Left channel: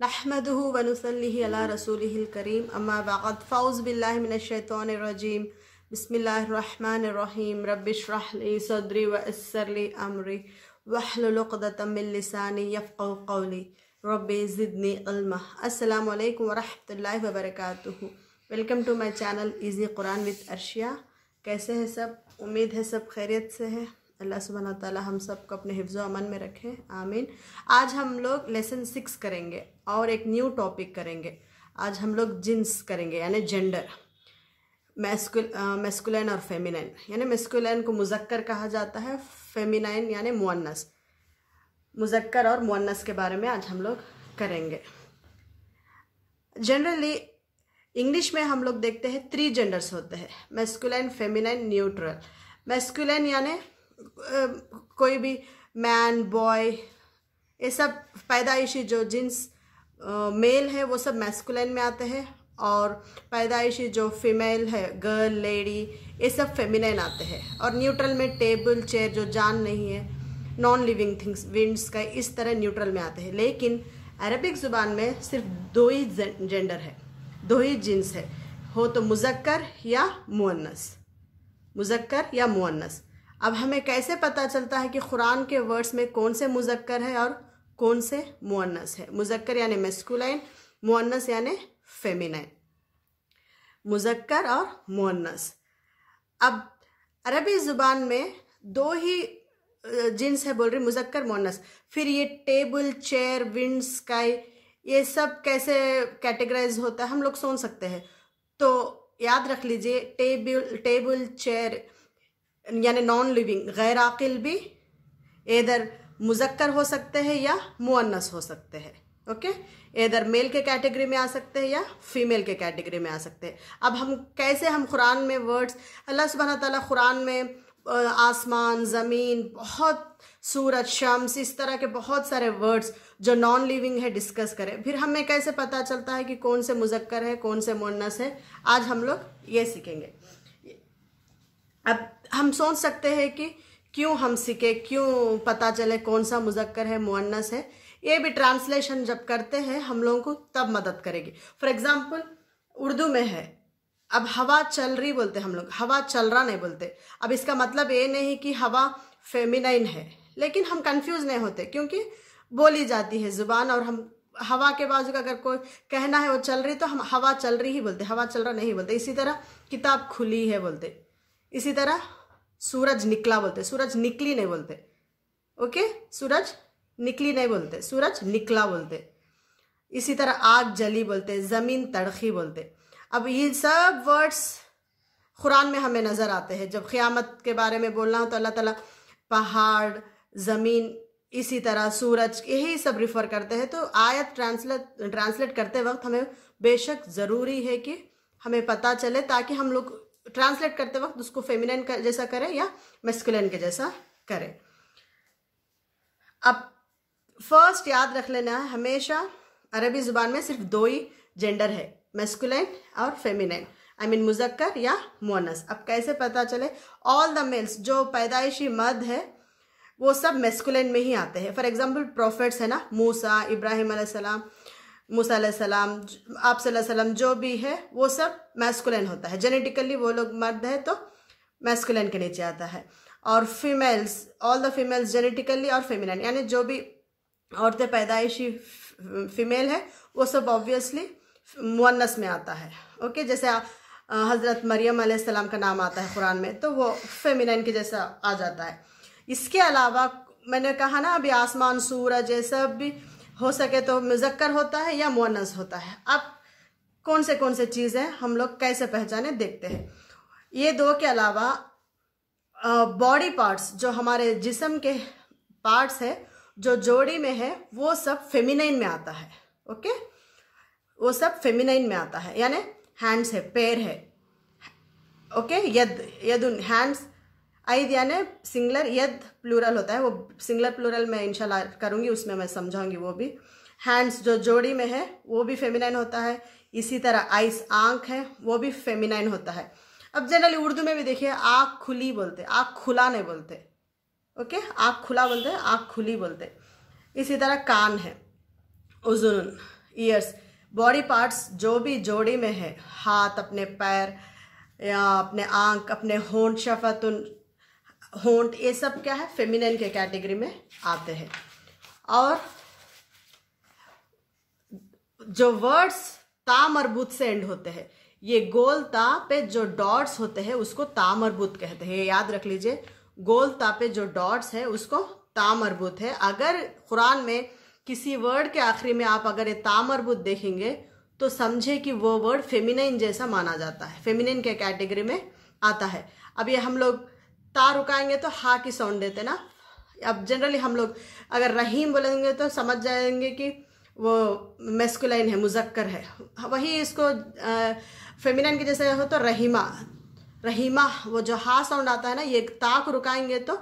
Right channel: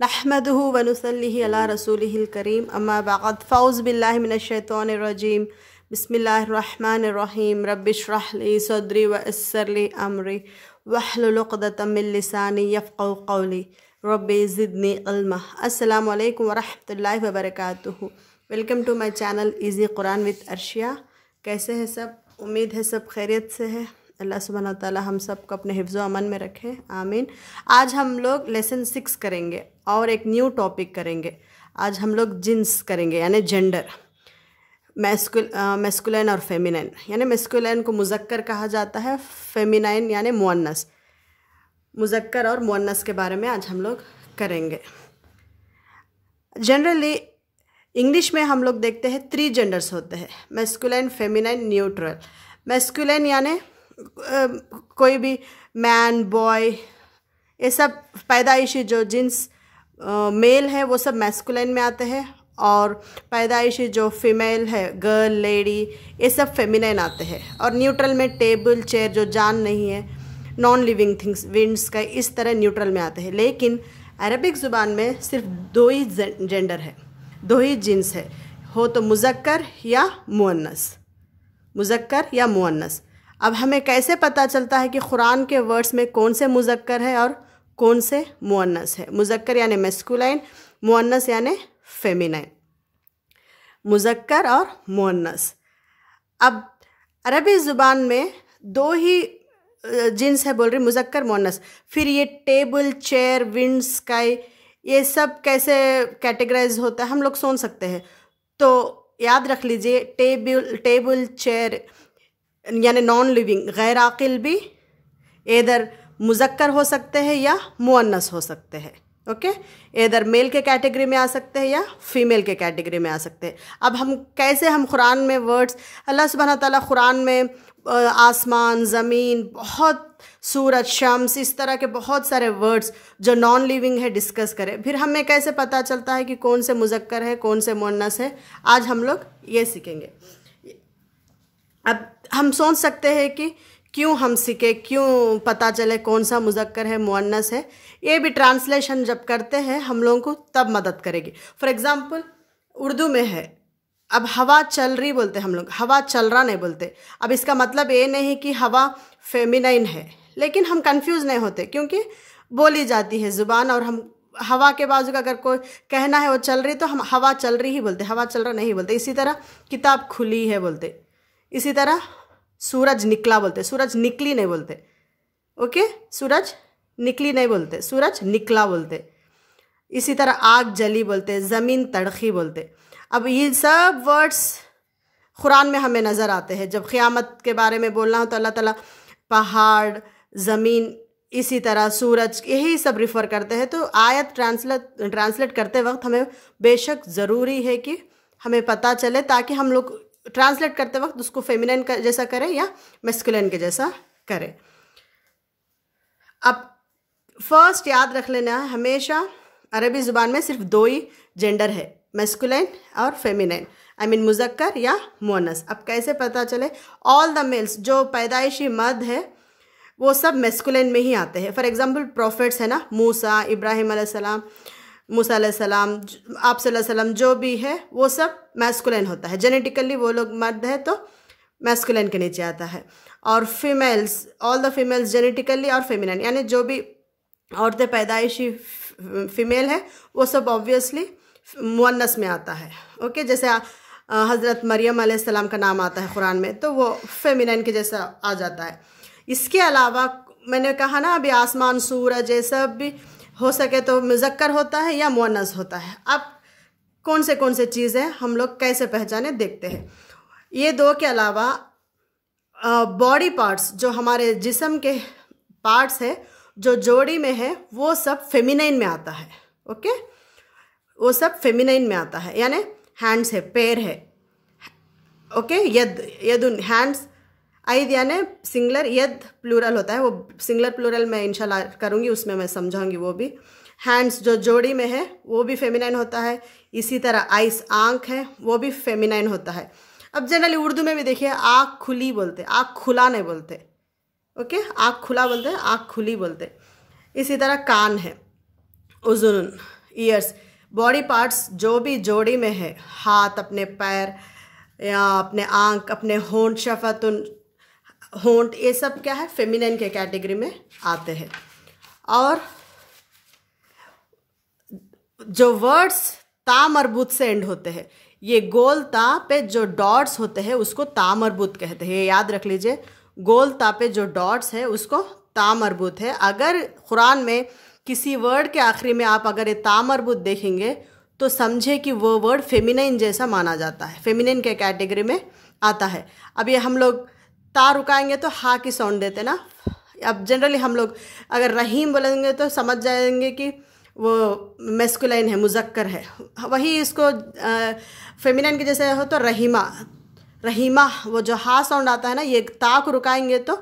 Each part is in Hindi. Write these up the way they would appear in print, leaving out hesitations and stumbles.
नहमदुहु व नुसल्लिहि अला रसूलिहिल करीम अम्मा बअद फ़ौज़ बिल्लाहि मिनश शैतानिर रजीम बिस्मिल्लाहिर रहमानिर रहीम रब्बिश्रह ली सदरी व यस्सिर ली अमरी वहलुल उक़दतम मिन लिसानी यफ़क़हू क़ौली रब्बी ज़िदनी इल्मा। अस्सलामु अलैकुम व रहमतुल्लाहि व बरकातुहू। Welcome to my channel easy Quran with Arshiya. कैसे हैं सब? उम्मीद है सब खैरियत से है। अल्लाह सुब्हानहू व तआला हम सब को अपने हिफ्ज़ व अमन में रखे, आमीन। आज हम लोग लेसन 6 करेंगे और एक न्यू टॉपिक करेंगे। आज हम लोग जिन्स करेंगे यानी जेंडर, मैस्कुलिन और फेमिनाइन। यानी मैस्कुलिन को मुज़क्कर कहा जाता है, फेमिनाइन यानी मुअन्नस। मुज़क्कर और मुअन्नस के बारे में आज हम लोग करेंगे। जनरली इंग्लिश में हम लोग देखते हैं 3 जेंडर्स होते हैं, मैस्कुलिन, फेमिनाइन, न्यूट्रल। मैस्कुलिन यानी कोई भी मैन, बॉय, ये सब पैदाइशी जो जिन्स मेल है वो सब मैस्कुलिन में आते हैं, और पैदाइशी जो फीमेल है, गर्ल, लेडी, ये सब फेमिनाइन आते हैं। और न्यूट्रल में टेबल, चेयर जो जान नहीं है, नॉन लिविंग थिंग्स, विंड्स का, इस तरह न्यूट्रल में आते हैं। लेकिन अरबिक ज़ुबान में सिर्फ 2 ही जेंडर है, 2 ही जिन्स है, हो तो मुज़क्कर या मुअन्नस, मुज़क्कर या मुअन्नस। अब हमें कैसे पता चलता है कि कुरान के वर्ड्स में कौन से मुज़क्कर है और कौन से मुअन्नस है? मुज़क्कर यानी मैस्कुलाइन, मुअन्नस यानी फेमिनाइन। मुज़क्कर और मुअन्नस। अब अरबी ज़ुबान में 2 ही जिन्स है, बोल रही मुज़क्कर मुअन्नस। फिर ये टेबल, चेयर, विंड, स्काई, ये सब कैसे कैटेगराइज होता है हम लोग सोच सकते हैं। तो याद रख लीजिए, टेबल, चेयर यानी नॉन लिविंग, गैर आकिल भी इधर मुज़क्कर हो सकते हैं या मुअन्नस हो सकते हैं। ओके, इधर मेल के कैटेगरी में आ सकते हैं या फीमेल के कैटेगरी में आ सकते हैं। अब हम कैसे, हम कुरान में वर्ड्स, अल्लाह सुब्हानहू तआला कुरान में आसमान, ज़मीन, बहुत सूरज, शम्स, इस तरह के बहुत सारे वर्ड्स जो नॉन लिविंग है डिस्कस करें। फिर हमें कैसे पता चलता है कि कौन से मुज़क्कर है, कौन से मुअन्नस है? आज हम लोग ये सीखेंगे। अब हम सोच सकते हैं कि क्यों हम सीखे, क्यों पता चले कौन सा मुज़क्कर है, मुअन्नस है। ये भी ट्रांसलेशन जब करते हैं हम लोगों को तब मदद करेगी। फॉर एग्ज़ाम्पल उर्दू में है, अब हवा चल रही बोलते हम लोग, हवा चल रहा नहीं बोलते। अब इसका मतलब ये नहीं कि हवा फेमिनाइन है, लेकिन हम कंफ्यूज नहीं होते क्योंकि बोली जाती है ज़ुबान, और हम हवा के बाजू का अगर कोई कहना है वो चल रही, तो हम हवा चल रही ही बोलते, हवा चल रहा नहीं बोलते। इसी तरह किताब खुली है बोलते, इसी तरह सूरज निकला बोलते, सूरज निकली नहीं बोलते। ओके, सूरज निकली नहीं बोलते, सूरज निकला बोलते। इसी तरह आग जली बोलते, ज़मीन तड़खी बोलते। अब ये सब वर्ड्स कुरान में हमें नज़र आते हैं। जब क़यामत के बारे में बोलना हो तो अल्लाह ताला पहाड़, ज़मीन, इसी तरह सूरज, यही सब रिफ़र करते हैं। तो आयत ट्रांसलेट करते वक्त हमें बेशक ज़रूरी है कि हमें पता चले, ताकि हम लोग ट्रांसलेट करते वक्त उसको फेमिनाइन का जैसा करें या मैस्कुलिन के जैसा करें। अब फर्स्ट याद रख लेना है, हमेशा अरबी ज़ुबान में सिर्फ 2 ही जेंडर है, मैस्कुलिन और फेमिनाइन, आई मीन मुज़क्कर या मुअन्नस। अब कैसे पता चले? ऑल द मेल्स, जो पैदाइशी मर्द है वो सब मैस्कुलिन में ही आते हैं। फॉर एग्जांपल प्रोफेट्स है ना, मूसा, इब्राहिम अलैहिस्सलाम, मूसा अलैहिस्सलाम, आप सल्लल्लाहु अलैहि वसल्लम, जो भी है वो सब मैस्कुलिन होता है। जेनेटिकली वो लोग मर्द है तो मैस्कुलिन के नीचे आता है। और females, all the females genetically और फेमिनाइन, यानी जो भी औरतें पैदाइशी फीमेल है वो सब ऑब्वियसली मुअन्नस में आता है। ओके, जैसे हज़रत मरियम अलैहिस्सलाम का नाम आता है कुरान में, तो वो फेमिनाइन के जैसा आ जाता है। इसके अलावा मैंने कहा ना अभी, आसमान, सूरज, ये सब भी हो सके तो मुज़क्कर होता है या मुअन्नस होता है। अब कौन से चीज़ें हम लोग कैसे पहचाने, देखते हैं। ये 2 के अलावा बॉडी पार्ट्स, जो हमारे जिस्म के पार्ट्स है, जो जोड़ी में है, वो सब फेमिनाइन में आता है। ओके, वो सब फेमिनाइन में आता है। यानी हैंड्स है, पैर है, ओके, यदुन, हैंड्स, आइद यानी सिंगलर, यद प्लूरल होता है, वो सिंगलर प्लूरल मैं इंशाल्लाह करूँगी, उसमें मैं समझाऊंगी वो भी। हैंड्स जो जोड़ी में है वो भी फेमिनाइन होता है। इसी तरह आइस, आँख है, वो भी फेमिनाइन होता है। अब जनरली उर्दू में भी देखिए, आँख खुली बोलते, आँख खुला नहीं बोलते। ओके, आँख खुला बोलते, आँख खुली बोलते। इसी तरह कान है, उज़ुन, ईयर्स, बॉडी पार्ट्स जो भी जोड़ी में है, हाथ, अपने पैर या अपने आंख, अपने होंठ, शफतुन, होंठ, ये सब क्या है, फेमिनिन के कैटेगरी में आते हैं। और जो वर्ड्स ता मरबूत से एंड होते हैं, ये गोल ता पे जो डॉट्स होते हैं उसको ता मरबूत कहते हैं। ये याद रख लीजिए, गोल ता पे जो डॉट्स है उसको ता मरबूत है। अगर कुरान में किसी वर्ड के आखिरी में आप अगर ये ता मरबूत देखेंगे तो समझे कि वो वर्ड फेमिनिन जैसा माना जाता है, फेमिनिन के कैटेगरी में आता है। अब ये हम लोग ता रुकाएंगे तो हा की साउंड देते ना। अब जनरली हम लोग अगर रहीम बोलेंगे तो समझ जाएंगे कि वो मैस्कुलाइन है, मुजक्कर है। वही इसको फेमिनिन के जैसे हो तो रहीमा, रहीमा, वो जो हा साउंड आता है ना, ये ता को रुकाएंगे तो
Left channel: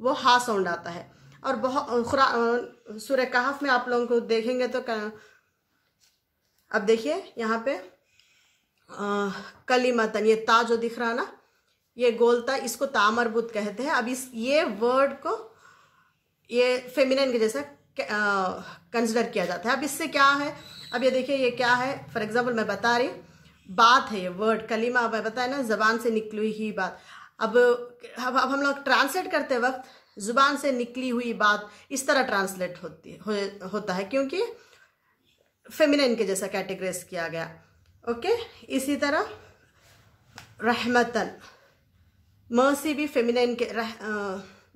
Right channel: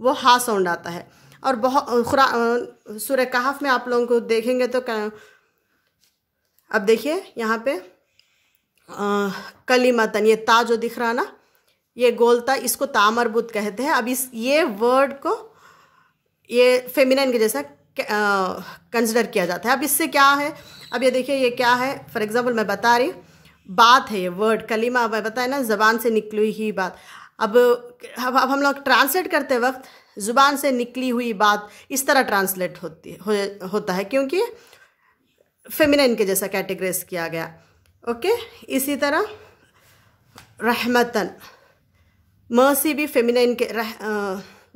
वो हा साउंड आता है। और बहुत सूरह कहफ में आप लोगों को देखेंगे तो अब देखिए यहाँ पे कलिमतन, ये ता जो दिख रहा ना, ये गोलता, इसको ता मरबूत कहते हैं। अब इस ये वर्ड को ये फेमिनिन के जैसा कंसिडर किया जाता है। अब इससे क्या है, अब ये देखिए ये क्या है, फॉर एग्जांपल मैं बता रही, बात है ये वर्ड कलीमा, अब बताए ना ज़बान से निकली हुई बात। अब हम लोग ट्रांसलेट करते वक्त ज़ुबान से निकली हुई बात इस तरह ट्रांसलेट होता है क्योंकि फेमिनिन के जैसा कैटेगराइज किया गया। ओके, इसी तरह रहमतन, मर्सी भी फेमिनिन के,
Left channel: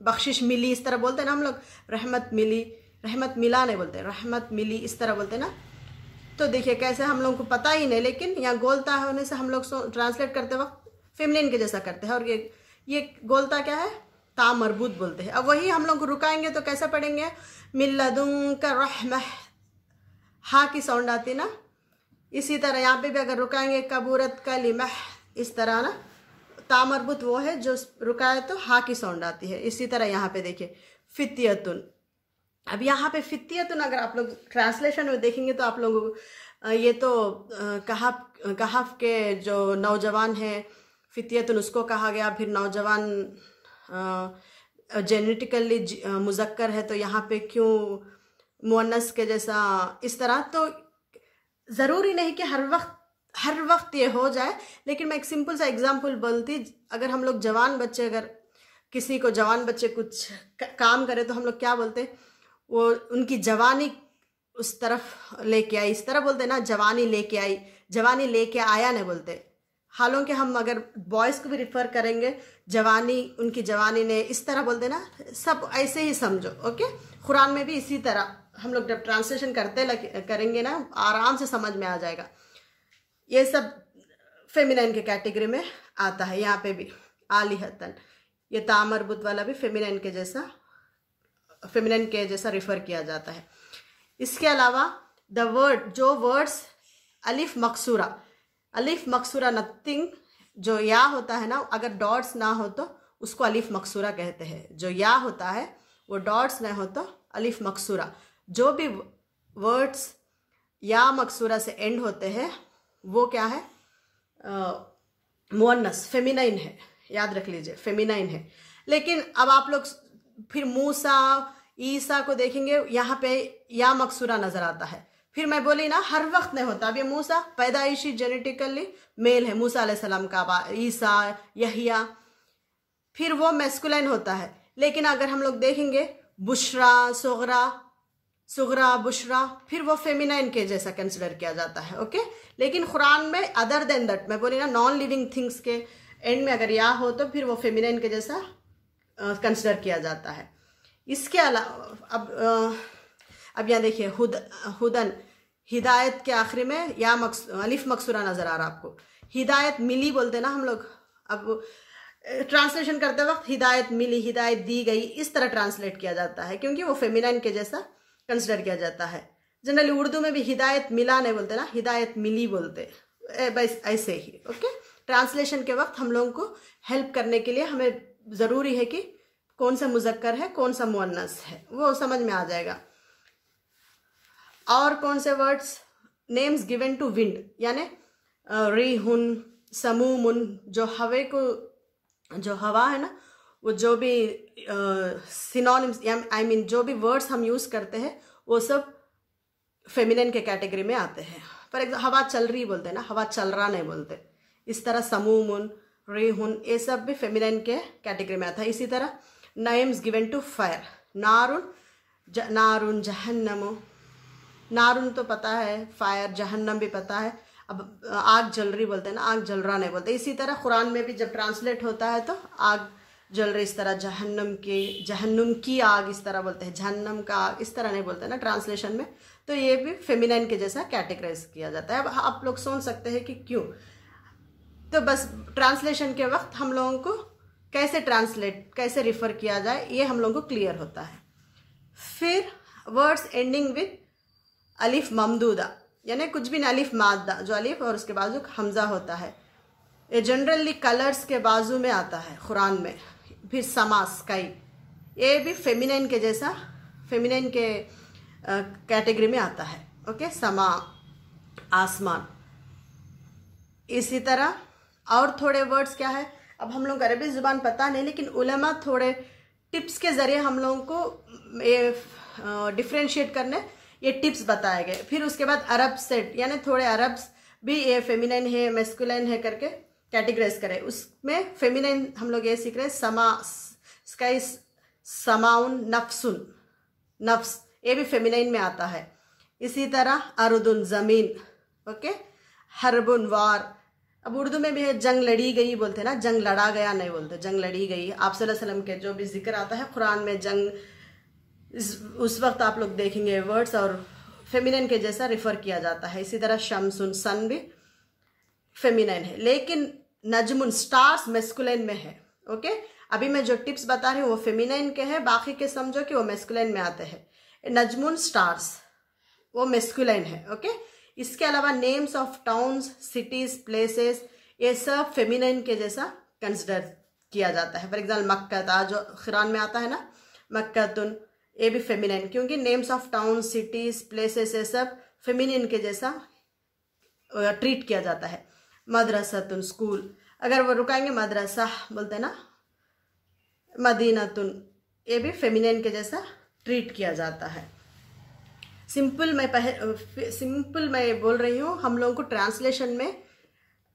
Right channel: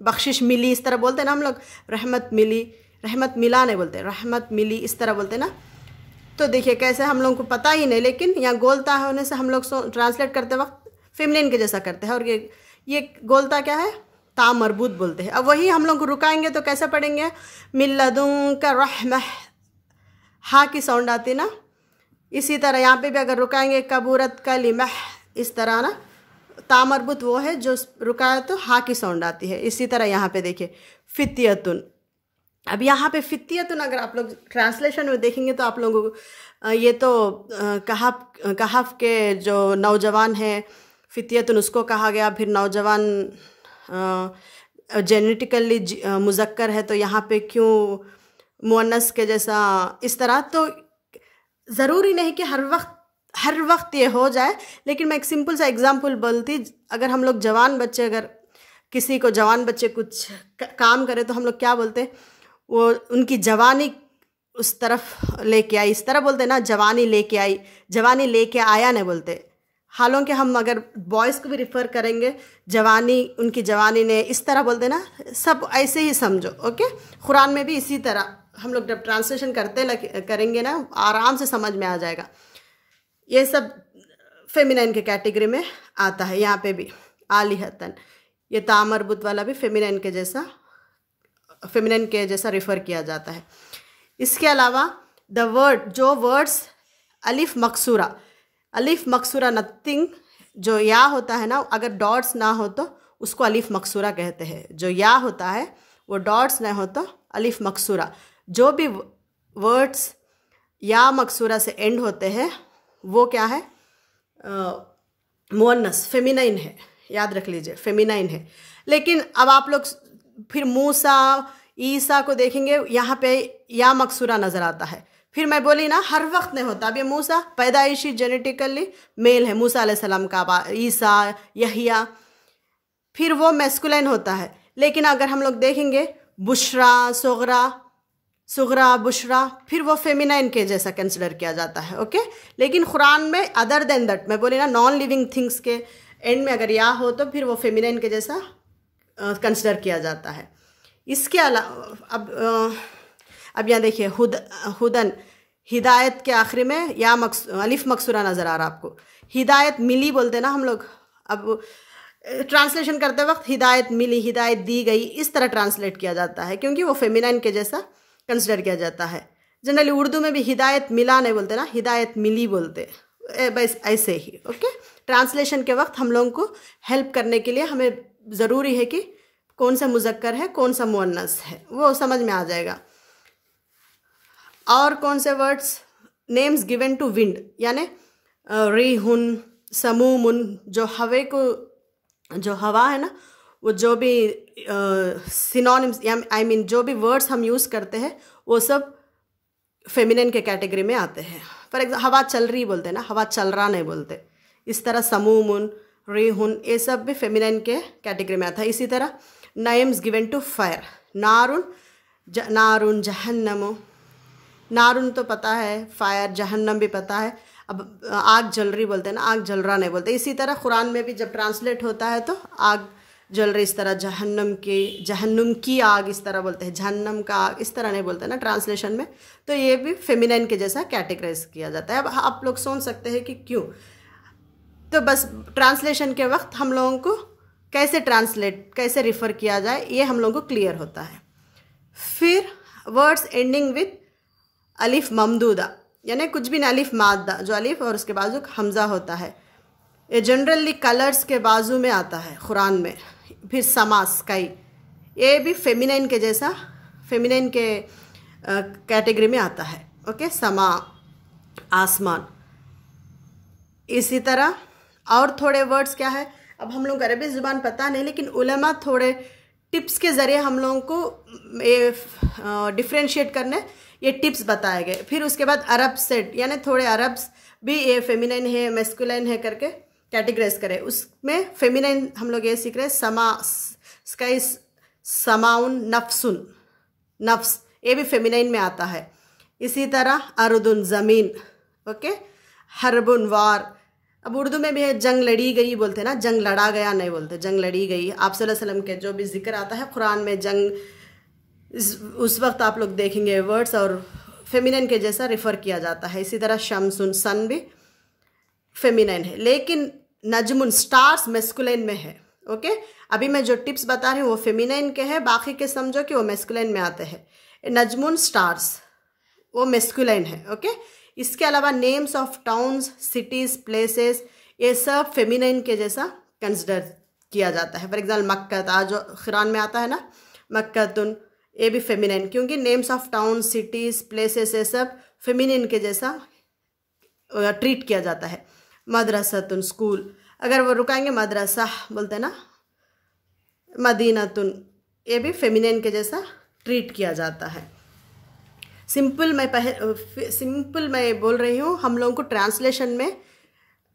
बख्शिश मिली इस तरह बोलते हैं ना हम लोग, रहमत मिली, रहमत मिला नहीं बोलते, रहमत मिली इस तरह बोलते हैं ना। तो देखिए कैसे हम लोगों को पता ही नहीं, लेकिन यहाँ गोलता होने से हम लोग ट्रांसलेट करते वक्त फेमिनिन के जैसा करते हैं। और ये गोलता क्या है, ता मरबूत बोलते हैं। अब वही हम लोग रुकाएंगे तो कैसे पढ़ेंगे, मिल्लदुन का रहमह, हा की साउंड आती ना। इसी तरह यहाँ पे भी अगर रुकाएंगे कबूरत कलिमह, इस तरह ना, ता मरबूत वो है जो रुकाया तो हा की साउंड आती है। इसी तरह यहाँ पे देखिए फितियतुन, अब यहाँ पे फितियतुन अगर आप लोग ट्रांसलेशन में देखेंगे तो आप लोगों को ये तो कहफ के जो नौजवान है फितियतुन उसको कहा गया, फिर नौजवान जेनेटिकली मुजक्कर है तो यहाँ पे क्यों मुअन्नस के जैसा इस तरह। तो ज़रूरी नहीं कि हर वक्त ये हो जाए, लेकिन मैं एक सिंपल सा एग्जांपल बोलती, अगर हम लोग जवान बच्चे, अगर किसी को जवान बच्चे कुछ काम करे तो हम लोग क्या बोलते हैं, वो उनकी जवानी उस तरफ लेके आई, इस तरह बोलते ना, जवानी लेके आई, जवानी लेके आया नहीं बोलते। हालांकि हम अगर बॉयज़ को भी रिफ़र करेंगे, जवानी, उनकी जवानी ने, इस तरह बोलते ना, सब ऐसे ही समझो। ओके, कुरान में भी इसी तरह हम लोग जब ट्रांसलेशन करेंगे ना, आराम से समझ में आ जाएगा। ये सब फेमिनिन के कैटेगरी में आता है। यहाँ पे भी आलिहतन, ये ता मरबूत वाला भी फेमिनिन के जैसा रिफ़र किया जाता है। इसके अलावा द वर्ड, जो वर्ड्स अलिफ मकसूरा, नथिंग, जो या होता है ना, अगर डॉट्स ना हो तो उसको अलिफ मकसूरा कहते हैं। जो या होता है वो डॉट्स ना हो तो अलिफ मकसूरा। जो भी वर्ड्स या मकसूरा से एंड होते हैं वो क्या है, मुअन्नस, फेमिनाइन है, याद रख लीजिए, फेमिनाइन है। लेकिन अब आप लोग फिर मूसा, ईसा को देखेंगे, यहाँ पे या मकसूरा नज़र आता है। फिर मैं बोली ना, हर वक्त नहीं होता। अब ये मूसा पैदाइशी जेनेटिकली मेल है, मूसा अलैहिस्सलाम का, ईसा, यहिया, फिर वो मैस्कुलाइन होता है। लेकिन अगर हम लोग देखेंगे बुशरा, सुगरा, बुशरा, फिर वो फेमिनाइन के जैसा कंसिडर किया जाता है। ओके, लेकिन कुरान में अदर देन दैट, मैं बोली ना, नॉन लिविंग थिंग्स के एंड में अगर या हो तो फिर वो फेमिनाइन के जैसा कंसिडर किया जाता है। इसके अलावा अब यहाँ देखिए हुदन, हिदायत के आखिरी में या अलिफ मकसूरा नज़र आ रहा आपको, हिदायत मिली बोलते ना हम लोग। अब ट्रांसलेशन करते वक्त हिदायत मिली, हिदायत दी गई, इस तरह ट्रांसलेट किया जाता है क्योंकि वो फेमिनाइन के जैसा कंसिडर किया जाता है। जनरली उर्दू में भी हिदायत मिला नहीं बोलते ना, हिदायत मिली बोलते, बस ऐसे ही। ओके, ट्रांसलेशन के वक्त हम लोगों को हेल्प करने के लिए हमें ज़रूरी है कि कौन सा मुजक्कर है, कौन सा मुअन्नस है, वो समझ में आ जाएगा। और कौन से words, names given to wind, यानी रिहुन, समूमुन, जो हवे को, जो हवा है ना, वो जो भी सिनोनिम्स, आई मीन जो भी वर्ड्स हम यूज़ करते हैं वो सब फेमिनिन के कैटेगरी में आते हैं। फॉर एग्जाम्पल हवा चल रही बोलते हैं ना, हवा चल रहा नहीं बोलते। इस तरह समूमुन, रेहुन, ये सब भी फेमिनिन के कैटेगरी में आता है। इसी तरह नेम्स गिवन टू फायर, नारुन, नारुन जहन्नम, नारुन तो पता है, फायर, जहन्नम भी पता है। अब आग जल रही बोलते हैं ना, आग जल रहा नहीं बोलते। इसी तरह कुरान में भी जब ट्रांसलेट होता है तो आग जल रही इस तरह, जहन्नुम की आग इस तरह बोलते हैं, जहन्नम का आग इस तरह नहीं बोलते ना ट्रांसलेशन में। तो ये भी फेमिनाइन के जैसा कैटेगराइज किया जाता है। अब आप लोग सोच सकते हैं कि क्यों, तो बस ट्रांसलेशन के वक्त हम लोगों को कैसे रिफ़र किया जाए ये हम लोगों को क्लियर होता है। फिर वर्ड्स एंडिंग विथ अलिफ ममदूदा, यानी कुछ भी ना, अलिफ मादा, जो अलिफ और उसके बाजू हमजा होता है, ये जनरली कलर्स के बाजू में आता है कुरान में। फिर समा, स्काई, ये भी फेमिनाइन के जैसा, फेमिनाइन के कैटेगरी में आता है। ओके, समा, आसमान। इसी तरह और थोड़े वर्ड्स क्या है, अब हम लोग अरबी ज़ुबान पता नहीं, लेकिन उलमा थोड़े टिप्स के ज़रिए हम लोगों को डिफ्रेंशिएट करने ये टिप्स बताए गए। फिर उसके बाद अरब सेट, यानी थोड़े अरब्स भी ये फेमिनाइन है, मैस्कुलाइन है करके कैटेगराइज करें। उसमें फेमिनाइन हम लोग ये सीख रहे हैं, समा, स्काई, समाउन, नफ्सुन, नफ्स, ये भी फेमिनाइन में आता है। इसी तरह अरुदुन, ज़मीन। ओके, हरबुन, वार। अब उर्दू में भी है, जंग लड़ी गई बोलते हैं ना, जंग लड़ा गया नहीं बोलते, जंग लड़ी गई। आप सल्लल्लाहु अलैहि वसल्लम के जो भी जिक्र आता है कुरान में जंग, उस वक्त आप लोग देखेंगे वर्ड्स और फेमिनाइन के जैसा रिफ़र किया जाता है। इसी तरह शम्सुन, सन भी फेमिनाइन है, लेकिन नजमुन, स्टार्स मैस्कुलाइन में है। ओके, अभी मैं जो टिप्स बता रही हूँ वो फेमिनाइन के हैं, बाकी के समझो कि वो मैस्कुलाइन में आते हैं। नजमुन, स्टार्स, वो मैस्कुलाइन है। ओके, इसके अलावा names of towns, cities, places, ये सब फेमिनाइन के जैसा कंसिडर किया जाता है। फॉर एग्जाम्पल मक्का, जो कुरान में आता है ना, मक्कातुन, ये भी फेमिनाइन, क्योंकि names of town, cities, places, ये सब फेमिनाइन के जैसा ट्रीट किया जाता है। मदरसतुन, स्कूल, अगर वो रुकाएंगे मदरसा बोलते हैं ना, मदीनतुन, ये भी फेमिनाइन के जैसा ट्रीट किया जाता है। सिंपल मैं बोल रही हूँ, हम लोगों को ट्रांसलेशन में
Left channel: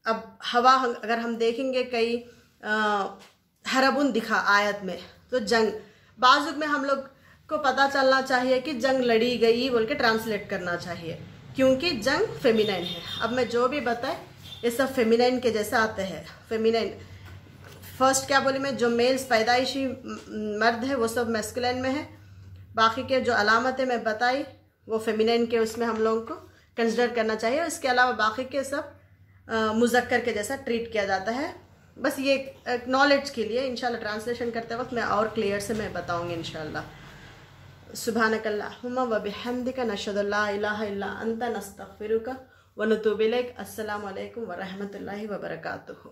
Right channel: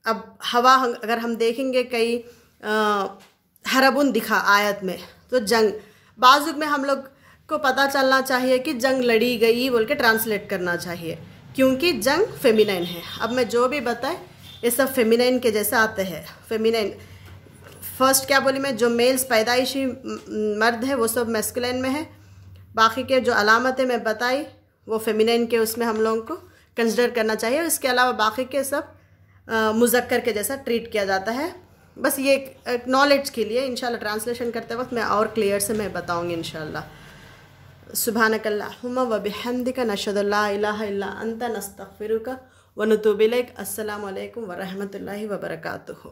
अब हवा अगर हम देखेंगे कई हरबुन दिखा आयत में, तो जंग, बाजुक में हम लोग को पता चलना चाहिए कि जंग लड़ी गई बोल के ट्रांसलेट करना चाहिए, क्योंकि जंग फेमिनाइन है। अब मैं जो भी बताए ये सब फेमिनाइन के जैसा आते हैं। फेमिनाइन फर्स्ट क्या बोली मैं, जो मेल्स पैदाइशी मर्द है वो सब मैस्कुलाइन में है, बाकी के जो अलामतें मैं बताई वो फेमिनाइन के उसमें हम लोगों को कंसिडर करना चाहिए। इसके अलावा बाकी के सब मुज़क्कर के जैसा ट्रीट किया जाता है। बस ये नॉलेज के लिए इंशाल्लाह ट्रांसलेशन करते वक्त मैं और क्लियर से मैं बताऊँगी इंशाल्लाह। सुब्हानकल्लाहुम्मा व बिहम्दिका नशहदु ला इलाहा इल्ला अंता नस्तगफिरुका व नतूबु इलैक। अस्सलामु अलैकुम व रहमतुल्लाहि व बरकातुहू।